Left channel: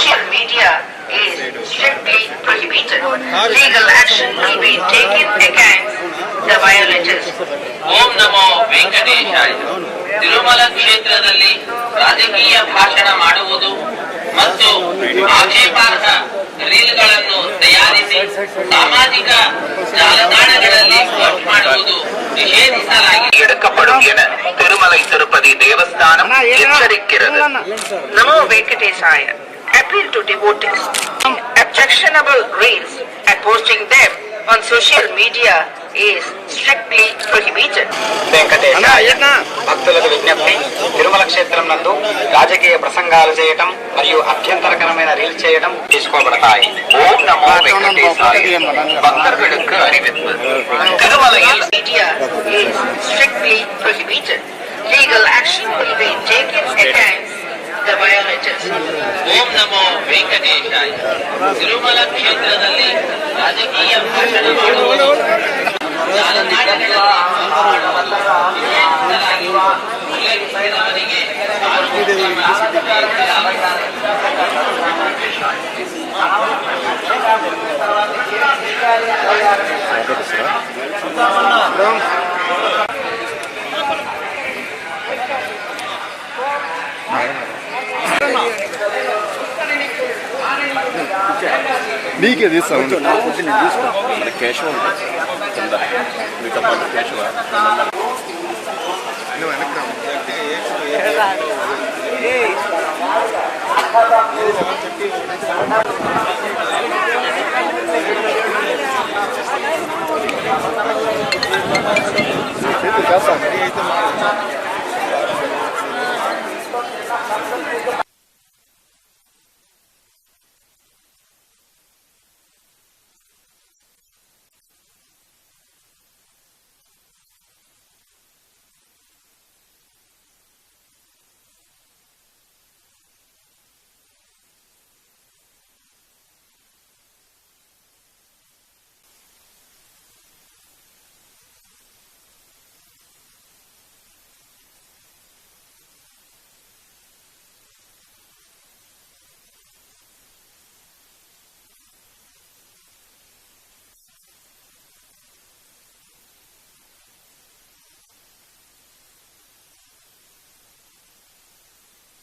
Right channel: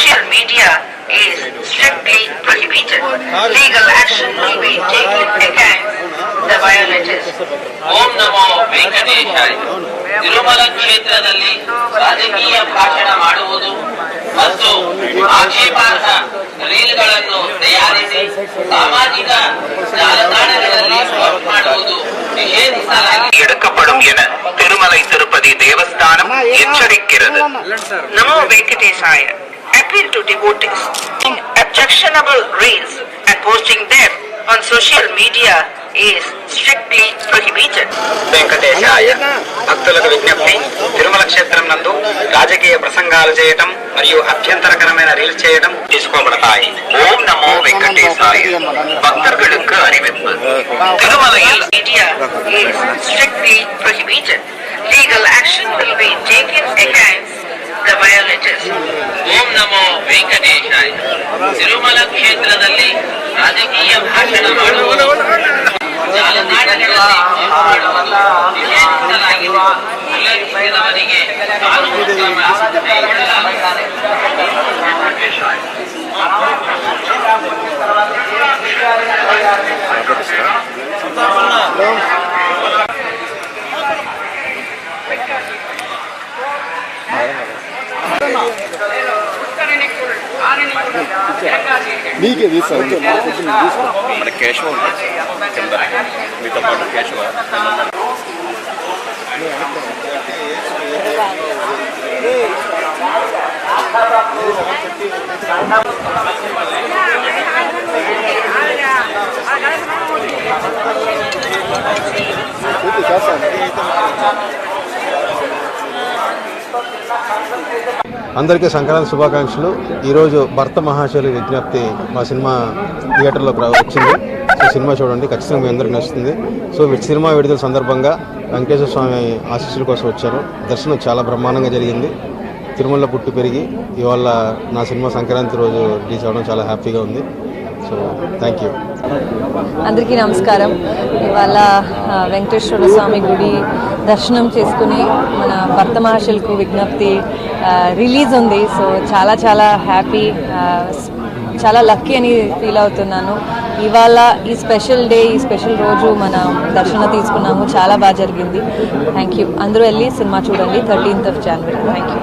social media is strictly prohibited. Legal action will be taken against the violators. ಓಂ ನಮೋ ವೆಂಕಟೇಶಾಯ. ತಿರುಮಲ ಕ್ಷೇತ್ರದಲ್ಲಿ ರಾಜಕೀಯ ಭಾಷಣ ಮಾಡುವುದು ಮತ್ತು ಆಕ್ಷೇಪಾರ್ಹ ರೀಲ್ಗಳನ್ನು ತಯಾರಿಸಿ ಸಾಮಾಜಿಕ ಜಾಲತಾಣಗಳಲ್ಲಿ ಪೋಸ್ಟ್ ಮಾಡುವುದು ನಿಷೇಧಿಸಲಾಗಿದೆ. எடுக்கப்படும் என Thirumalai Tirupati Devasthanam எச்சரிக்கிறது. Namo Venkatesaya. Appeal to devotees. Objectionable reels and posting them on social media is strictly prohibited. వెంకటేశాయ. భక్తులకు విజ్ఞప్తి, తిరుమల క్షేత్రం నందు రాజకీయ ప్రసంగాలు చేయటం మరియు అభ్యంతరకరమైన రీల్స్ చేయడం తీసుకోబడతాయి. ఓం నమో వెంకటేశాయ. భక్తர்களுக்கு அறிவிப்பு. திருமலையில் Media is strictly prohibited. Legal action will be taken against the violators. ಓಂ ನಮೋ ವೆಂಕಟೇಶಾಯ. ತಿರುಮಲ ಕ್ಷೇತ್ರದಲ್ಲಿ ರಾಜಕೀಯ ಭಾಷಣ ಮಾಡುವುದು ಜಾಲತಾಣಗಳಲ್ಲಿ ಪೋಸ್ಟ್ ಮಾಡುವುದು ನಿಷೇಧಿಸಲಾಗಿದೆ. ಉಲ್ಲಂಘಿಸಿದವರಿಗೆ ಕಾನೂನು ಕ್ರಮ ಕೈಗೊಳ್ಳಲಾಗುತ್ತದೆ. నీకే తీస్తాను మన కేశవ కింద మీతో పాటు కేశవ అందరికీ సంక్రాంతి శుభాకాంక్షలు. ఈరోజు భర్త మహాశైలి విజ్ఞప్తి మా సినిమా థియేటర్లో వచ్చింది. సో సినిమా చూడండి, ఖచ్చితంగా మీ అందరికీ నచ్చుతుంది. సో సినిమా విడుదల సందర్భంగా వెంకటేశ్వర స్వామి ఆశీస్సుల కోసం వచ్చాను. దర్శనం చాలా బ్రహ్మాండంగా జరిగింది. తిరుమలలో పుట్టి పెరిగి ఇవాళ నా సినిమా సంక్రాంతి రోజు రిలీజ్ అవ్వడం చాలా హ్యాపీగా ఉంది. So thank you. అందరికీ నమస్కారం. ఇవాళ వెంకటేశ్వర స్వామి గుడి దర్శనం చేసుకుని మన భర్త మహాశైలకు విజ్ఞప్తి రిలీజ్ ఉంది. సో చాలా చాలా హ్యాపీ, చాలా లక్కీ అని ఫీల్ అవుతున్నాను. ఇవాళ ఈ స్పెషల్ డే, ఈ స్పెషల్ రోజు మనం దర్శనం తీసుకున్నాము. చాలా బాగా జరిగింది. Thank you. అందరూ వెళ్ళి సినిమా చూడండి 13th of January. Thank you.